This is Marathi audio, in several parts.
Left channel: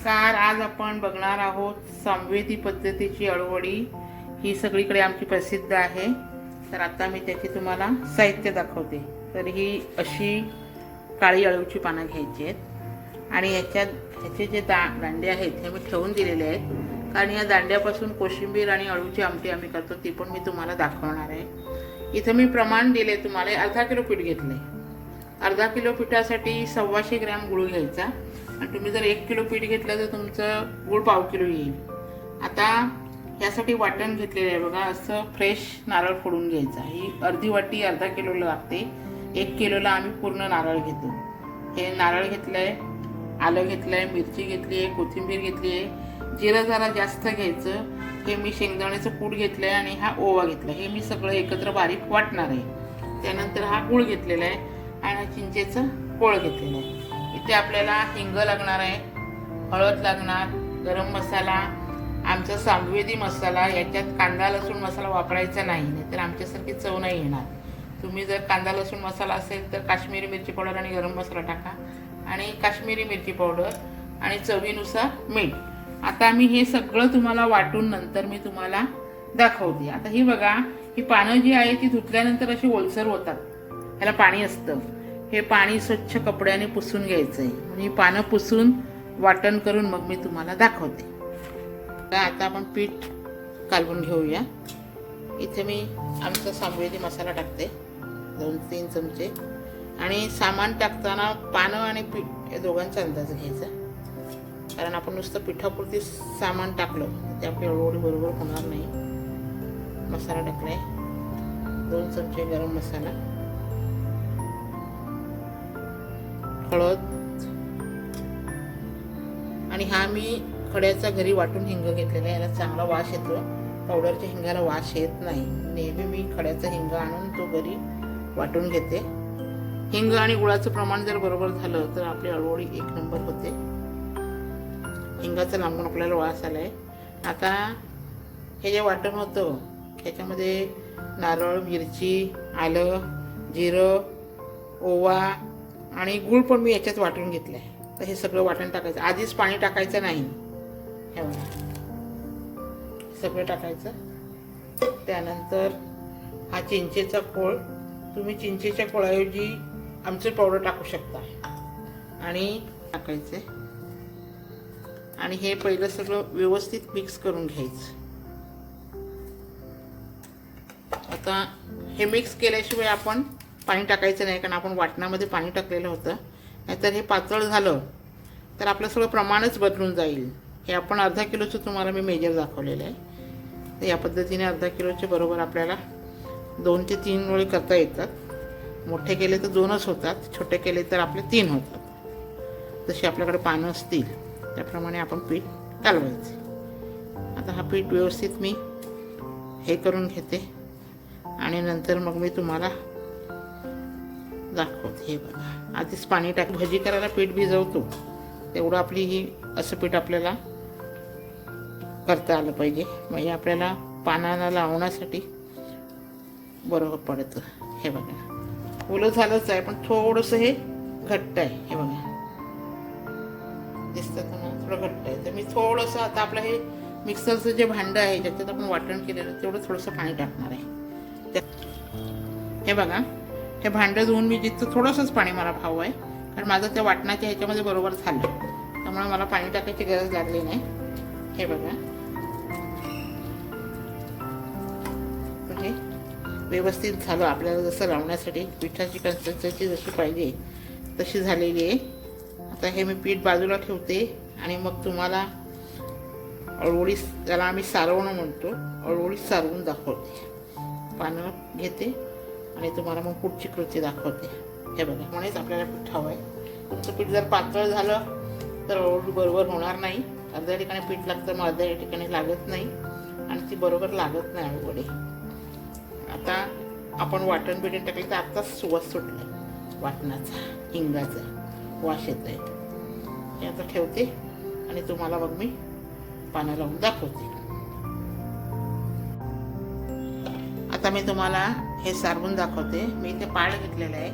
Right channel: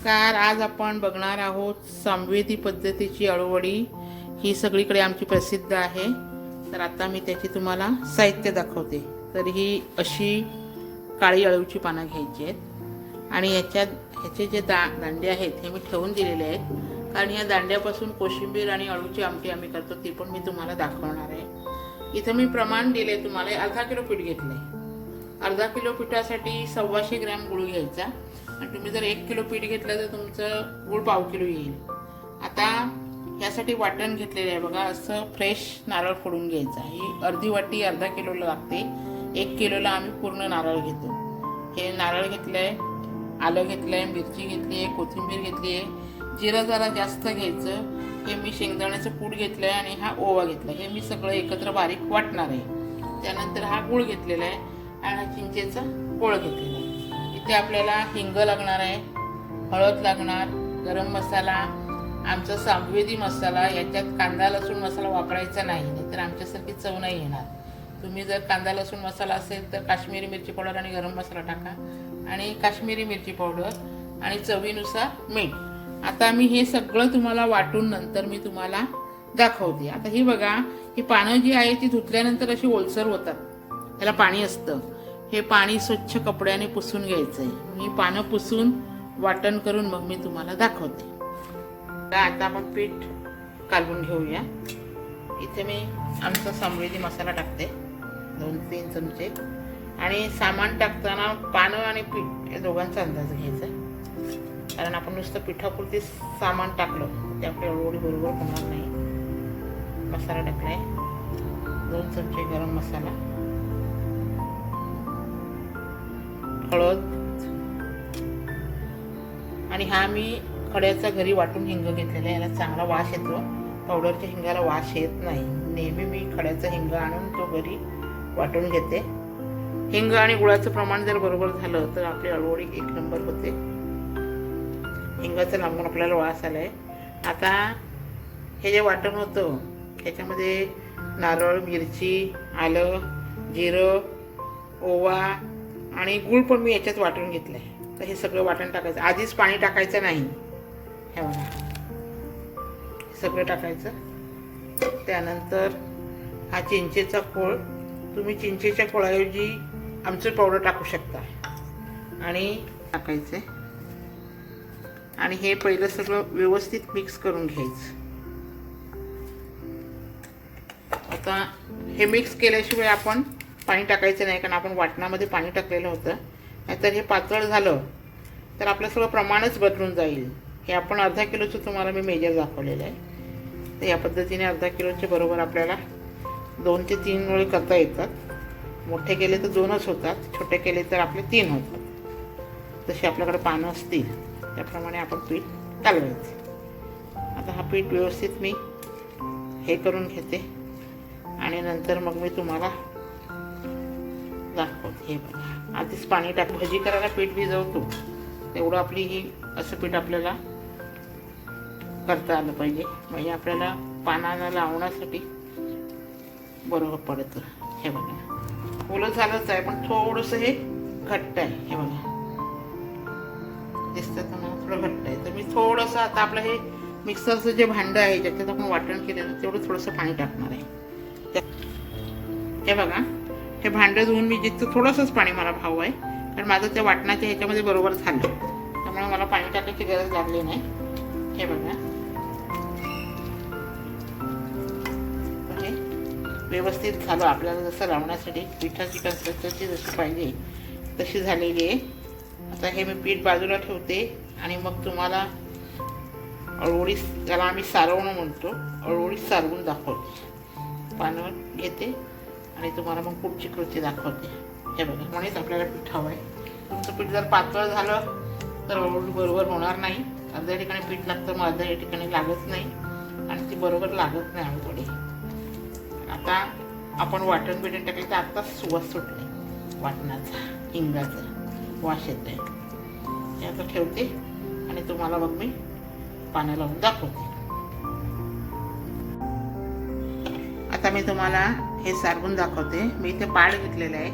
नमस्कार. आज आपण बघणार आहोत संवेदी पद्धतीची अळूवडी. ही सगळीकडे आमची प्रसिद्ध आहे. तर आता मी त्याची तुम्हाला साहित्य दाखवते. तर ही अशी काळी अळूची पानं घ्यायची आहेत आणि ह्याचे जे दांडे आहेत हे मी ठेवून दिलेले आहेत, कारण ह्या दांड्यापासून कोशिंबीर आणि अळूची आमटी आम्ही करतो, ती पण मी तुम्हाला दाखवणार आहे. इथं मी प्रमाण दिले तुम्हाला. अर्धा किलो पीठ घेतलंय. अर्धा किलो पिठासाठी 125 ग्रॅम गूळ घ्यायचा आणि तुम्ही जर 1 किलो पीठ घेतलं तर तुमचं गूळ पाव किलो येईल. आता यासाठी वाटण घेतलेलं आहे बघा. असं फ्रेश नारळ फोडून घ्यायचा. ही अर्धी वाटी अर्धा किलोला लागते. 1 किलोला आम्ही पूर्ण नारळ घेतो. हे नारळ घेतलंय, आलं घेतलंय, मिरची घेतली आहे, कोथिंबीर घेतली आहे, जिरं जरा जास्त घ्यायचं. हे मी शेंगदाण्याचं कूट घेतलंय आणि हा ओवा घेतला. हे मी सगळं एकत्र बारीक वाटणार आहे. त्यानंतर हा गूळ घेतलेला आहे आणि चिंचेचा कोळ घेतलेला आहे. इथे आपल्याला हिंग लागणार आहे, हळद लागणार, गरम मसाला, आमचा सांवेदी मसाला. याच्यात कांदा लसूण मसाला वापरायचा नाही, तर आमच्यासारखी चव नाही येणार. तुम्ही जर कांदा लसूण मसाला असेल तर काश्मीरी मिरची पावडर आणि गरम मसाला टाका आणि काश्मीरी मिरची पावडर आणि चवीनुसार मीठ. आता मी हे सगळं तुम्हाला वाटून नंतर मी तुम्हाला दाखवते. आता ही बघा, ही पानं जी आहे ती धुतल्यानंतर अशी ओलसर होतात. ह्याला पाणी असतं. हे पाणी स्वच्छ कपड्याने पुसून घ्यायचं आहे. म्हणजे पानं पुसून वाटण करून मग मी तुम्हाला दाखवते. आता आपण पीठ कालवून घेऊया. इथे मी आमचा संवेदी मसाला टाकते 2-3 चमचे. आणि सामान टाकताना पानं आणि पीठ या दोघांचा अंदाज घ्यायचा, कारण आपण नुसतं पिठापुरती सामान टाकलं ते आपली अळूवडी बरोबर होणार नाही. मसाला टाकलाय, 2 चमचे गरम मसाला, हळद, आणि हा मी खड्याचा घरी वाटून हिंग घेतलेला आहे. याला चांगला वास येतो. पावडरच्या हिंगाला वास येत नाही. नेहमी मी खड्याचा हिंग आणून तो घरी वाटून घेते. हिंग आणि गुळाचं प्रमाण जर बरोबर झालं तर आपली अळूवडी 1 नंबर होते. हिंगाचं लांबून आपल्याला वास आलाय. आता हे जे वाटण होतं ह्याच्यामध्ये नारळ, मिरची, आलं, जिरं, ओवा आणि गूळ पण मी याच्यात वाटून घेतलं आहे. तर हे सगळं वाटण टाकायचं. आधीच पाणी टाकायचं नाही. हे बघा, सगळं टाकायचं. त्यानंतर हा चिंचेचा कोळ. तुम्ही चिंचेच्या कोळाऐवजी आमचूर पावडर टाकू शकता आणि टाकायचे. आणि हे पहिलं सगळं व्यवस्थित मिक्स करून घ्यायचं. आता हे मिक्स केल्याशिवाय आपण पाणी टाकायचं नाही, कारण आपण वाटणामध्ये पाणी टाकलेलं होतं. नाहीतर हे पातळ झालं तर आपलं सगळं प्रमाणच बदलून जाईल. हे आपण अर्धा किलोचं तुम्हाला मी मेजर दाखवलेलं आहे. तर या पद्धतीने अर्धा किलोचे बरोबर आपल्याला 2 ते 3 वेळी करता येतात. मोठे केले तर 2च होतात, छोटे केले तर आपले 3 होतात. जसे आपल्याकडे पानं असतील त्याप्रमाणे आपण पीठ कालवायचं. आता हा पीठ व्यवस्थित मी हे करून घेते आणि नंतर मग मी तुम्हाला दाखवते. हे बघा, आधीच पाणी टाक. भजी करायला पीठ भिजवतो तेवढं आपली ही असं पीठ आपल्याला करता आलं पाहिजे. म्हणजे आपल्याला पानाला लावण्यासाठी बरोबर पडतं. हे बघा, ओलं झालंच आहे पण थोडंसं हे घट्ट आहे. हे बघा, दिसतं तुम्हाला थोडं घट्ट आहे. तर मी थोडंसं आता आपलं हे मिक्सरचं जे भांडं आहे ज्याच्यात आपण वाटण केलेलं तेवढं थोडंसं पाणी टाकणार आहे. हे बघा, हे भांडं धुवून मी जिथं थोडंसंच पाणी मला हवं आहे, कारण माझं त्या वाटणाच्या ह्याच्यामध्ये बरोबर झालं, त्यामुळे मला पाणी टाकायची गरज लागली नाही. हे बघा, तर हे व्यवस्थित झालं. आपल्याला जसं लावण्यासाठी पिठाची कन्सिस्टन्सी जशी पाहिजे तशी झालेली आहे. आता हे मी पीठ बाजूला ठेवते आणि मग तुम्हाला अळूवडी, त्याला आम्ही सारवणं म्हणतो, अळूवडी सारवून दाखवते. पानं घेते आणि तुम्हाला मग पुढची कृती दाखवते. हे बघा, म्हणूनच आपल्याला पीठ हवं आहे. तुमचं पीठ जर पातळ झालं तर अळूवडी बरोबर होणार नाही. अर्ध्या ठिकाणी पीठ लागतं, मग अर्ध्या ठिकाणी लागत नाही आणि ती बरोबर लागत नाही अळूवडी. आता आपण वाटण बिटण टाकायचं. आत्ताच सुवास सुटला वाटणाचा, हिंगाचा वास येतोय. हे आता ठेवते आणि तुम्हाला मग मी पाणी लावून दाखवते. आता मी तुम्हाला हे सारवून दाखवते. मी इथे पाड घेतलेलं आहे.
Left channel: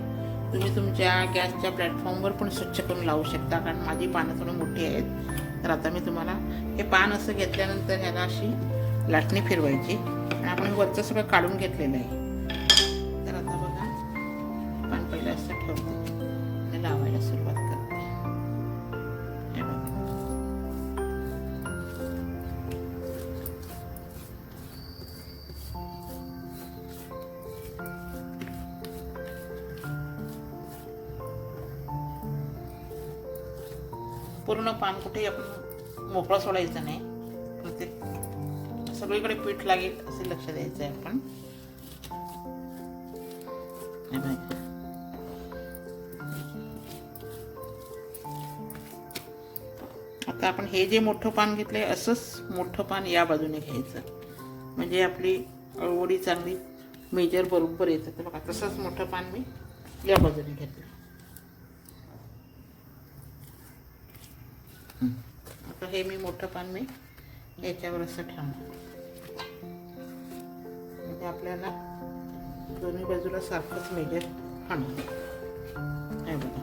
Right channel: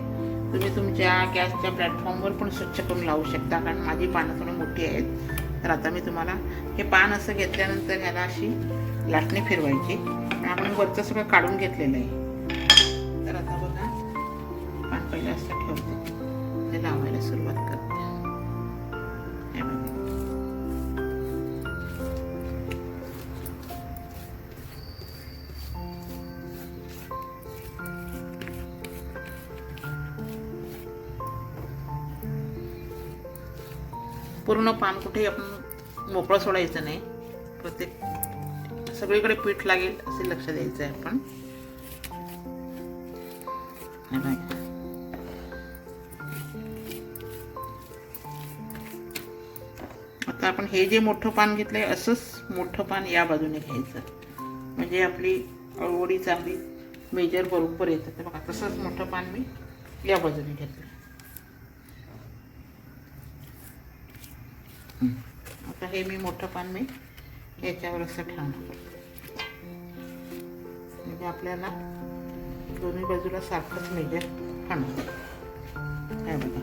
तुम्ही तुमच्या गॅसच्या प्लॅटफॉर्मवर पण स्वच्छ करून लावू शकता, कारण माझी पानं थोडी मोठी आहेत. तर आता मी तुम्हाला हे पान असं घेतल्यानंतर ह्याला अशी लाटणी फिरवायची आणि आपण वरचं सगळं काढून घेतलेलं आहे. तर आता बघा पान पहिलं असं ठेवते आणि लावायला सुरुवात करते. हे बघा पूर्ण पान कुठे आपण मोकळं सोडायचं नाही, प्रत्येक सगळीकडे पीठ लागेल असे लक्ष द्यायचं आहे आपण. आता आपण हे जे मोठं पान घेतलंय असंच मोठं पान या बाजूने घ्यायचं, म्हणजे आपली अळवडी चांगली मेजर बरोबर येतं. ते बघा तसंच मोठं पान मी या बाजूने घेतलं. आता हे मी मोठं पान मी याच्यावर असं ठेवणार, म्हणजे आपल्याला दोन्ही बाजूला सारखंच मेजर ठेवणार. हे बघा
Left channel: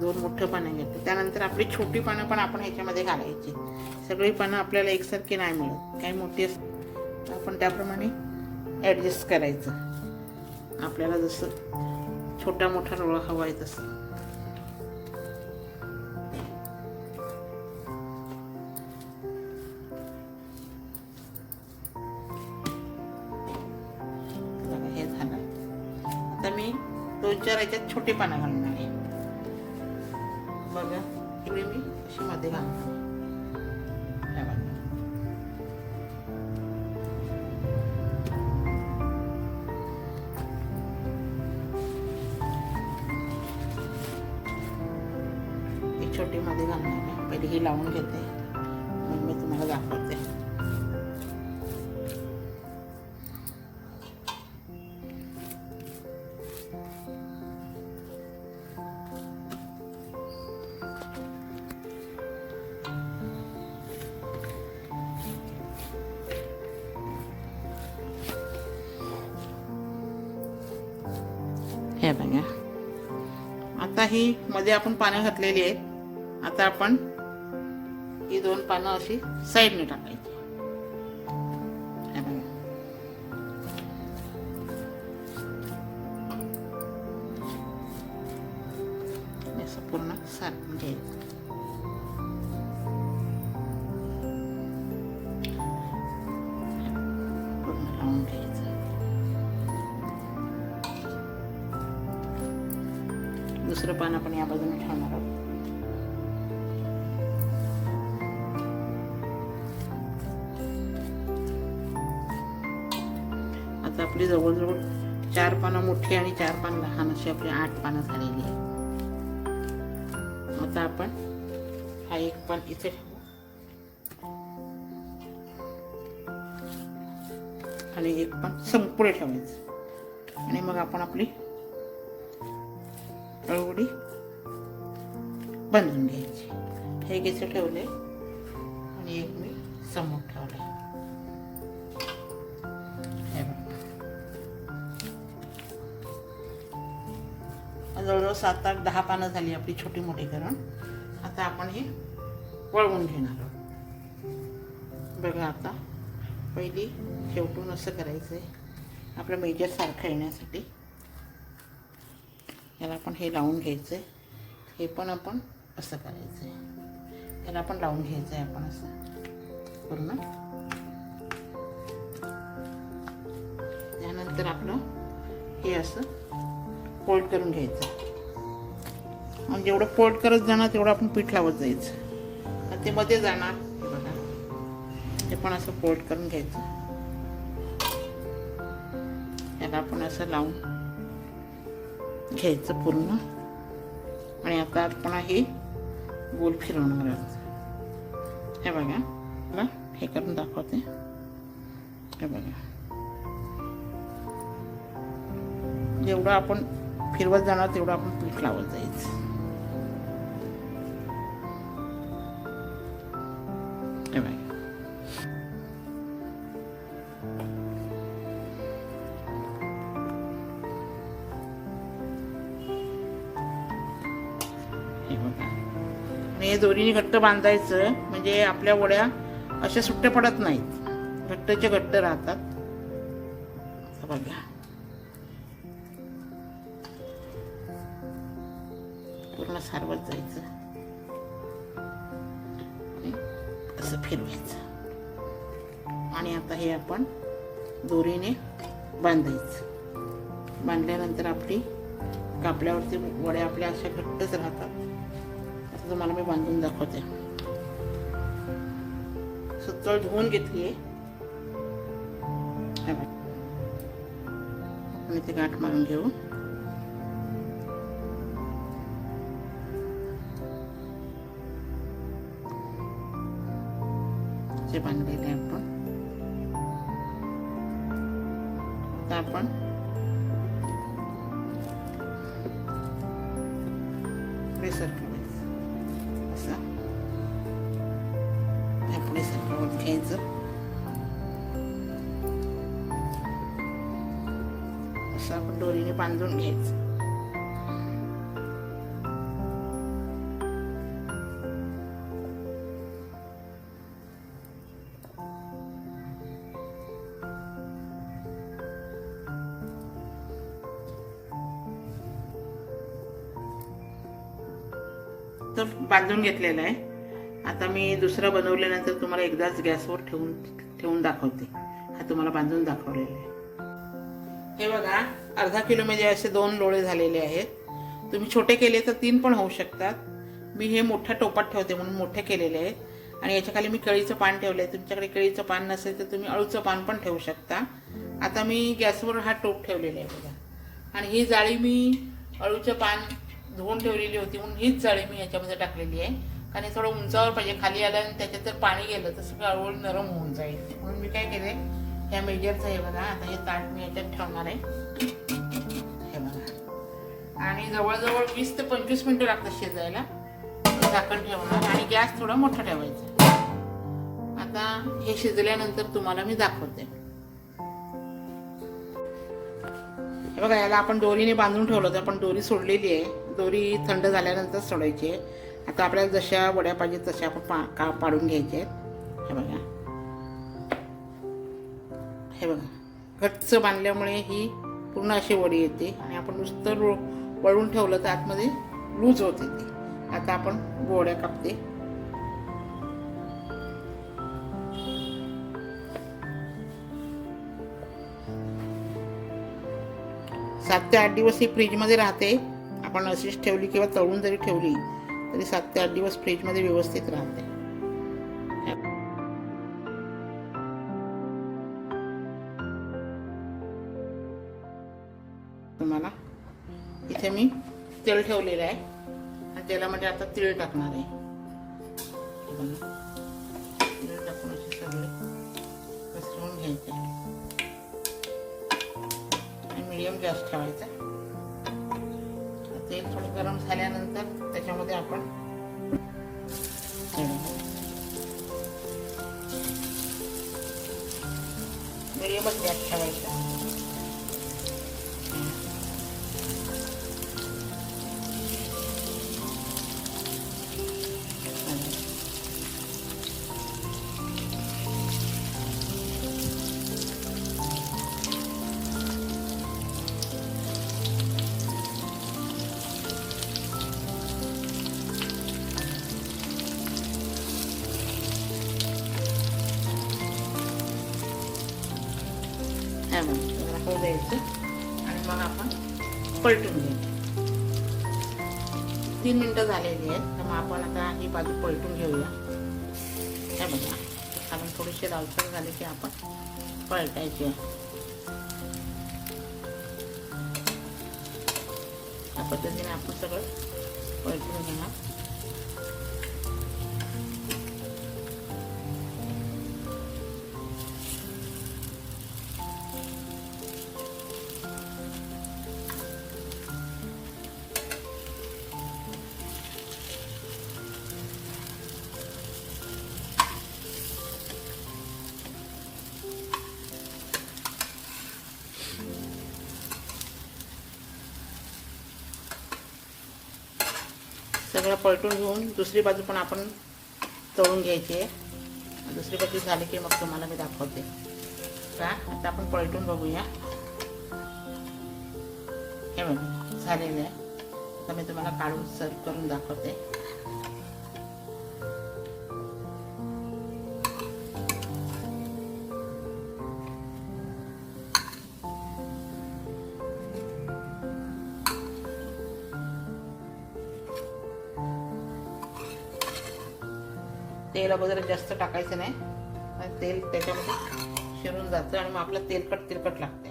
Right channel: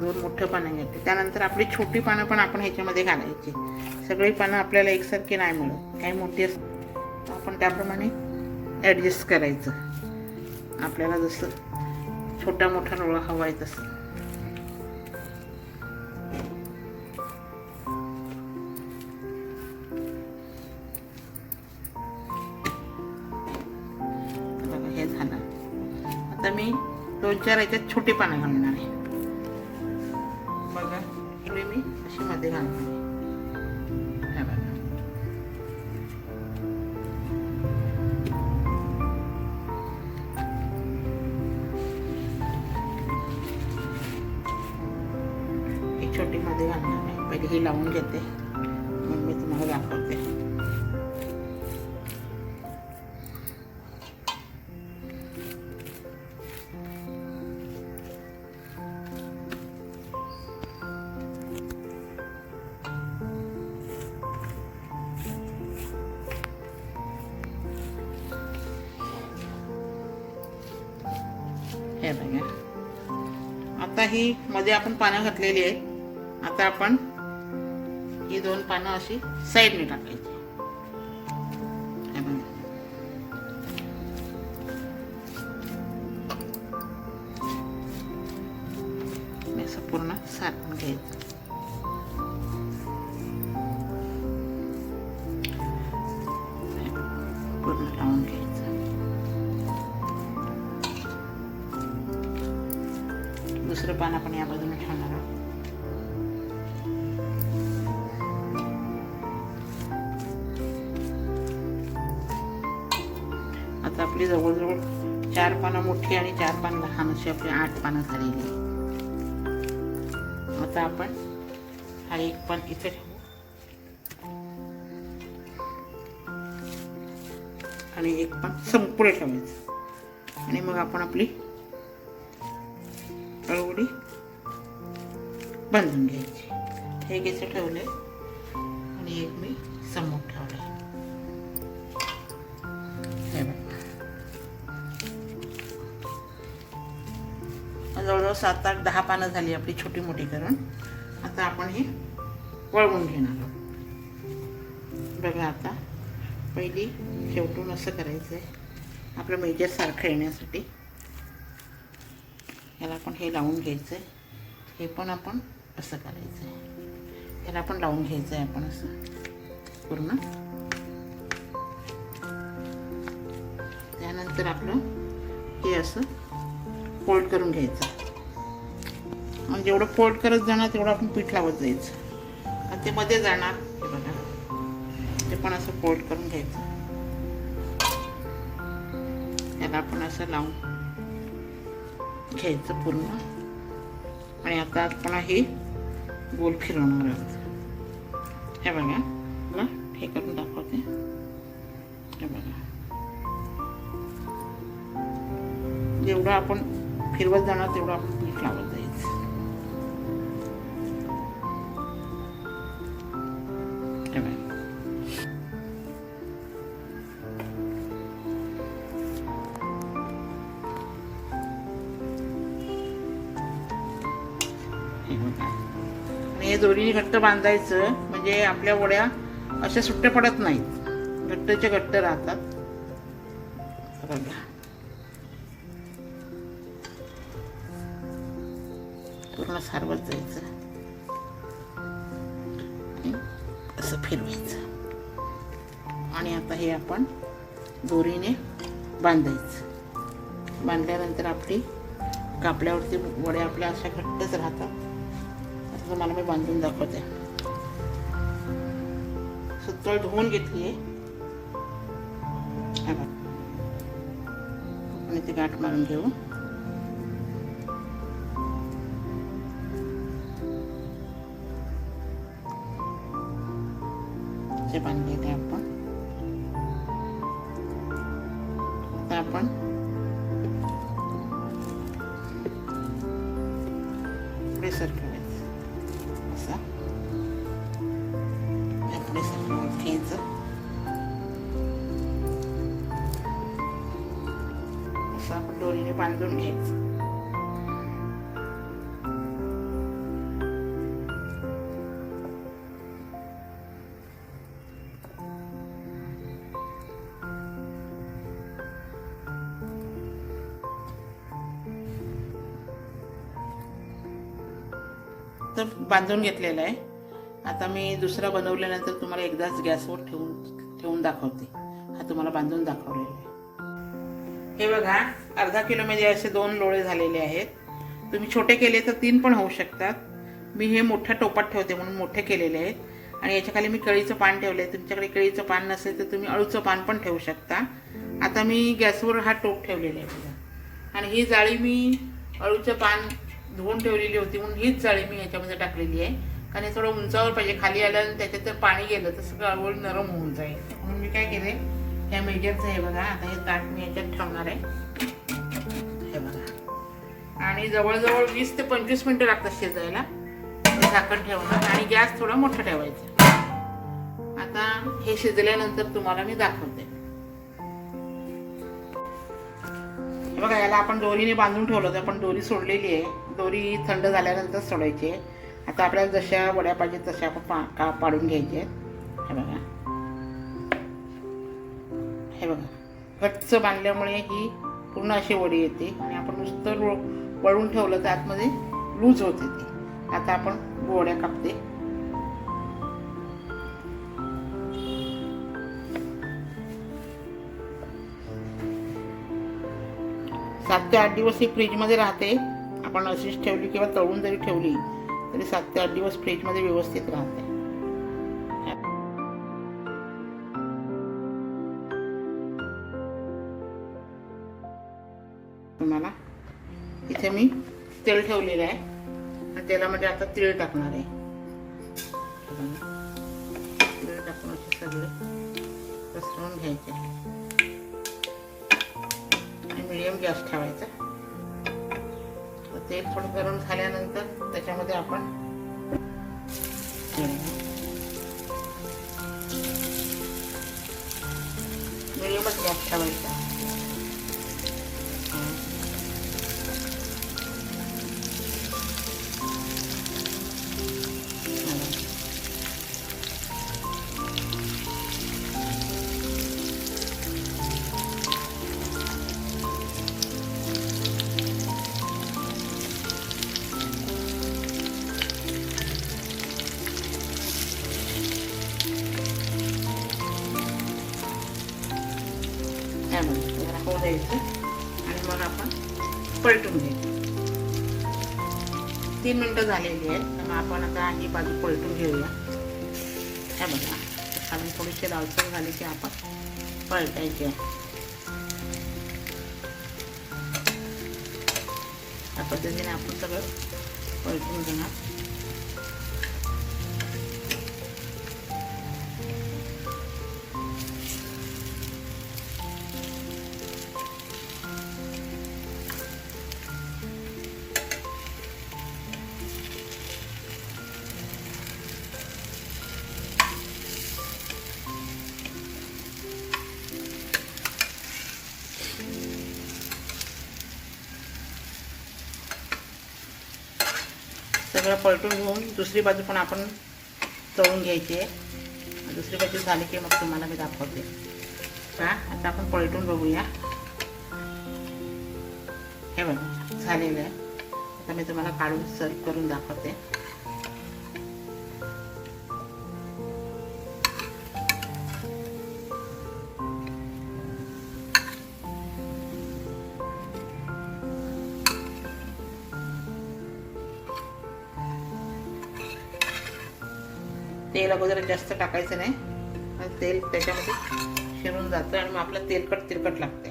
दोन मोठं पानं घेतले. त्यानंतर आपली छोटी पानं पण आपण ह्याच्यामध्ये घालायची. सगळी पानं आपल्याला एकसारखी नाही मिळत, काही मोठी असतात आपण त्याप्रमाणे ॲडजस्ट करायचं. आपल्याला जसं छोटा मोठा रोळा हवा आहे तसं. बघा हे झालं. आता मी 2-4 याच्यात छोटी पानं घालणार आहे. बघा इकडे मी अशी मध्ये घालणार आहे. हे बघा छोटी मध्ये घालणार आहे. पहिले ही लावून घेते मग मी तुम्हाला दाखवते. हे बघा आता ही मध्ये आपण पानं घातलेली आहेत. आता आपण ही 2 पानं अशी साईडने टाकायची. असं पूर्ण सारखं घ्यायचं. पूर्ण लावून घ्यायचं. दुसरं पान आपण या बाजूने ठेवणार आहोत. आता आपली जवळजवळ 4 पानं मोठी आणि 4 पानं लहान अशी आपली 8 पानं झालेली. आता आपण हा एक पान इथे ठेवू आणि एक पान संपुढे ठेवायचं आणि मग आपण आपली अळवडी बांधून घ्यायची. हे इथे ठेवले आणि एक मी समोर ठेवला. हे बघा जवळजवळ 7, 8, 10 पानं झाली आपली छोटी मोठी करून. आता आपण हे वळवून घेणार आहोत. बघा आता पहिली शेवटून असं करायचं आहे आपलं मेजर सारखं येण्यासाठी. याला आपण हे लावून घ्यायचं आहे. हे पण आपण असं करायचं आहे. याला आपण लावून घ्यायचं आहे आपण असं पूर्ण. त्यानंतर आपलं हे असं फोल्ड करून घ्यायचं आणि जेवढं फोल्ड करत जाणार तेवढं आपण पीठ लावत जायचं आणि ते मध्ये जाणार. हे बघा ते पण असं फोल्ड करून घ्यायचं. त्याला आपण असं लावून घ्यायचं पूर्ण आणि आता आपण हे गोल फिरवणार आहोत. हे बघा मला हे करून दाखवते. हे बघा जेवढं आपण फिरवत जाणार तेवढं आपण पीठ लावत जायचं. हे बघा हे बघा. आणि हे दोरीने घट्ट बांधायचं म्हणजे आपल्या वड्या अशा सुट्ट्या पडत नाहीत, घट्टच्या घट्ट राहतात. बघा पूर्ण सारवत जायचं आणि असं फिरवायचं. आणि आता हे आपण दोरीने बांधायचं. बांधल्यानंतर आपली कापल्यावरती वड्या आपल्या अशा घट्टच राहतात. असं तुम्हाला मी बांधून दाखवते. सुतळ धुवून घेतली आहे. आपण इथे गाठ मारून घेऊ. जे बांधलेले आपण आता आपण पुढे सरकवायचं. असं पुढे सरकवत घ्यायचं. असं आपण दोरीने बांधून घ्यायचं. तर बांधून घेतलेलं आहे. आता मी दुसरा बनवल्यानंतर तुम्हाला एकदाच गॅसवर ठेवून दाखवते. हा तुम्हाला बांधून दाखवलेला आहे. हे बघा, अर्धा किलोमध्ये असे 2 लोळे झालेले आहेत. तुम्ही छोटे केले तर 3 पण होऊ शकतात. मी हे मोठ्या टोपात ठेवते म्हणून मोठे केलेले आहेत. आणि याच्या खाली मी केळीचं पान ठेवलं आहे. तुमच्याकडे केळीचं पान नसेल तर तुम्ही अळूचं पान पण ठेवू शकता. आता मी गॅसवर हा टोप ठेवलेला आहे बघा. आणि ही जाळी मी अळूचं पान धुवून ठेवलेली होती म्हणून हीच जाळी मी याच्यामध्ये टाकलेली आहे. कारण हे थोडं उंचावर पाहिजे. खाली आलं आणि त्याच्यात जर पाणी गेलं तर सगळं अळूवळ नरम होऊन जाईल. म्हणून मी काय केले, ह्या मेजरचं हे बघा. आता हे ताट मी याच्यात ठेवणार आहे. हे बघा. आणि जवळजवळ 20 ते 25 मिनिटं लागतात शिजायला. झाकण ठेवणार आणि गॅस थोडा मोठा ठेवायचा. आता हे शिजल्यानंतर तुम्हाला मी दाखवते. बघा, याला आपण दोरीने बांधून ठेवलं होतं. आपण दोरी सोडलेली आहे. दोरी थंड झाल्यानंतर सोडायची आहे. आता आपल्याला जशा वड्या पाहिजेत तशा आपण पाडून घ्यायचे आहेत. हे बघा, हे बघा, घट्ट बांधल्यामुळे ही पूर्ण अशी वडी येते. आणि आपण नुसतं वळून ठेवलं तर आतमध्ये लूज होते ती. आता आपण वड्या कापते. 7 ते 8 दिवस ही फ्रीजमध्ये राहते. आपण अशीच ठेवली किंवा तळून जरी ठेवली तरी 7 ते 8 दिवस फ्रीजमध्ये व्यवस्थित राहते. तुम्हाला इथे मी तेल ठेवलेलं आहे आणि तेलामध्ये आता तीळ टाकणार आहे. तीळ टाकून असे सगळे पसरवून घ्यायचे. मीडियम गॅस ठेवायचा. तेल थोडं गरम झाल्यानंतर त्याच्यामध्ये आपण मीडियमच गॅस ठेवायचा. जरा होऊ द्यायचं आणि मग आपण पलटून घ्यायचं. 3 मिनिटं झालेली आहेत. त्यामुळे आपण आता ही बाजू पलटून घेऊया. हे बघा, खालून थोडीशी लालसर झाली की आपण पलटायची. या पद्धतीने आपण सगळं पलटून घेणार. सगळं पलटून घेऊन दुसरी बाजू पण आपण तळून घ्यायची आहे. दुसरी बाजू झाली की मग तुम्हाला मी दाखवते. का आता आपण पलटून बघूया. हे बघा झालेलं आहे. आता मी तुम्हाला काढून सर्व करून दाखवते. तेल अगोदर जास्त टाकायचं नाही, तेल त्याच्यामध्ये शिरून जातं आणि मग आपलं तेलकट लागते.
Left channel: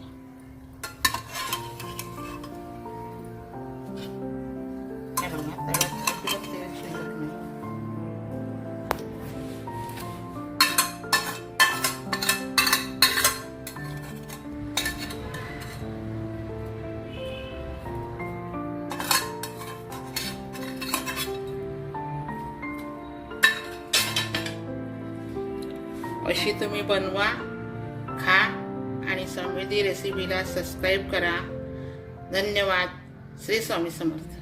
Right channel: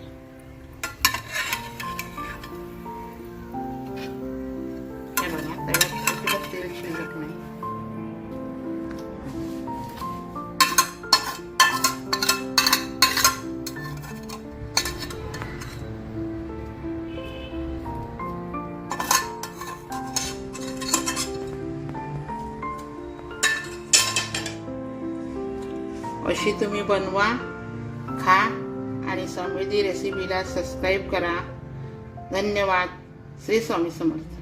हे बघा त्याला तेल शिल्लक नाही. अशी तुम्ही बनवा, खा आणि समृद्धी रेसिपीला सबस्क्राईब करा. धन्यवाद. श्री स्वामी समर्थ.